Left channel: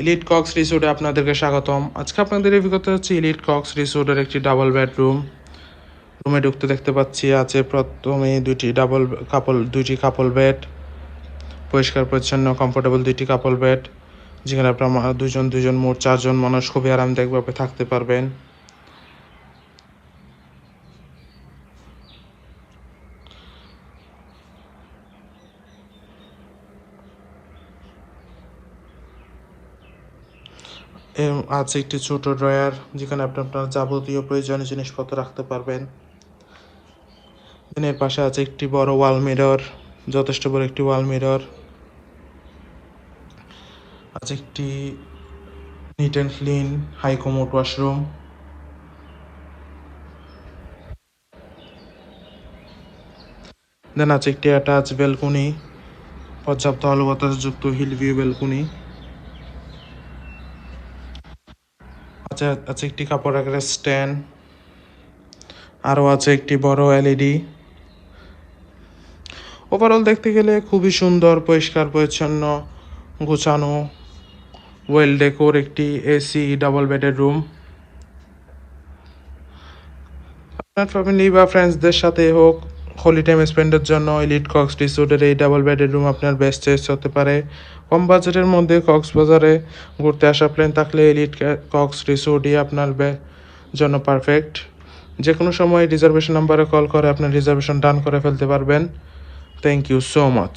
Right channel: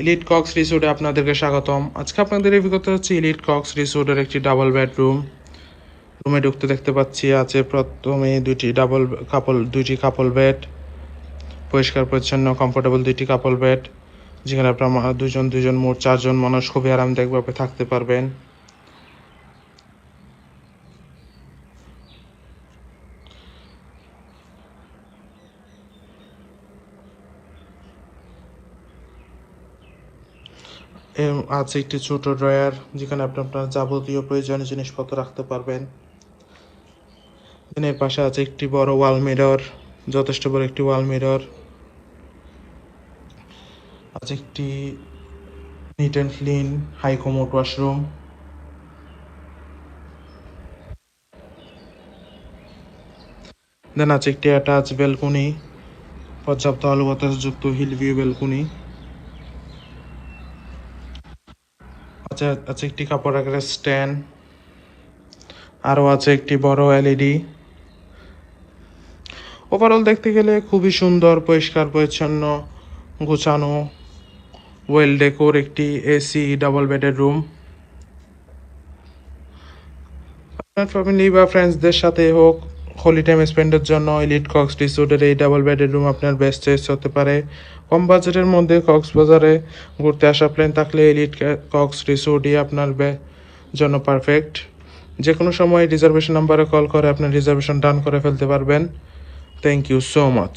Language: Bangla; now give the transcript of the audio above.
এলিট কক্স রিসোর্টে আপনাদেরকে স্বাগতম। আজকে আপনাদের এই অভিজ্ঞতা হচ্ছে এলিট কক্স রিসোর্টের একটি ডাবল বেডরুম। রুমে ঢুকতে দেখতে পাচ্ছি আছে প্রথমে দুইটি কাপল বেড, পরিষ্কার পরিচ্ছন্ন কমফোর্টেবল দুইটি কাপল বেড, যেখানে আপনার দুজন মোট 4 জন মানুষ খুবই আরামদায়কভাবে থাকতে পারবেন। আছে একটি ছোট ড্রয়ার, যেখানে আপনি আপনার যাবতীয় প্রয়োজনীয় জিনিসপত্র রাখতে পারবেন। এর পাশে আছে একটি বড় ওয়াল মিরর, যথেষ্ট বড় একটি ওয়াল মিরর। আছে একটি neat and clean high commode washroom. Then আছে একটি অ্যাটাচ ব্যালকনি, পর্যাপ্ত আলো বাতাসযুক্ত হিল ভিউ ব্যালকনি। আছে একটি কাপড় রাখার স্ট্যান্ড, আরও আছে একটি বড় এলইডি। ওভারঅল দেখতে গেলে খুবই সুন্দর, পরিষ্কার পরিচ্ছন্ন, গোছানো, ওয়েল ডেকোর একটি এসি ডাবল বেডের রুম। আপনার ফ্যামিলি বা ফ্রেন্ডসদের সাথে হোক, হোলি টাইম স্পেন্ডের জন্য এলিট কক্স রিসোর্টের এই ডাবল বেডের রুম আপনার বেস্ট চয়েস হতে পারে। কম বাজেটের মধ্যে কক্সবাজারে ঘুরতে আসা প্ল্যান থাকলে এলিট কক্স রিসোর্টই আপনার জন্য পারফেক্ট। যে কোনো সময় রিজার্ভেশন নাম্বারে কল করে আপনার রিজার্ভেশন ডান করে ফেলতে পারবেন। Thank you so much.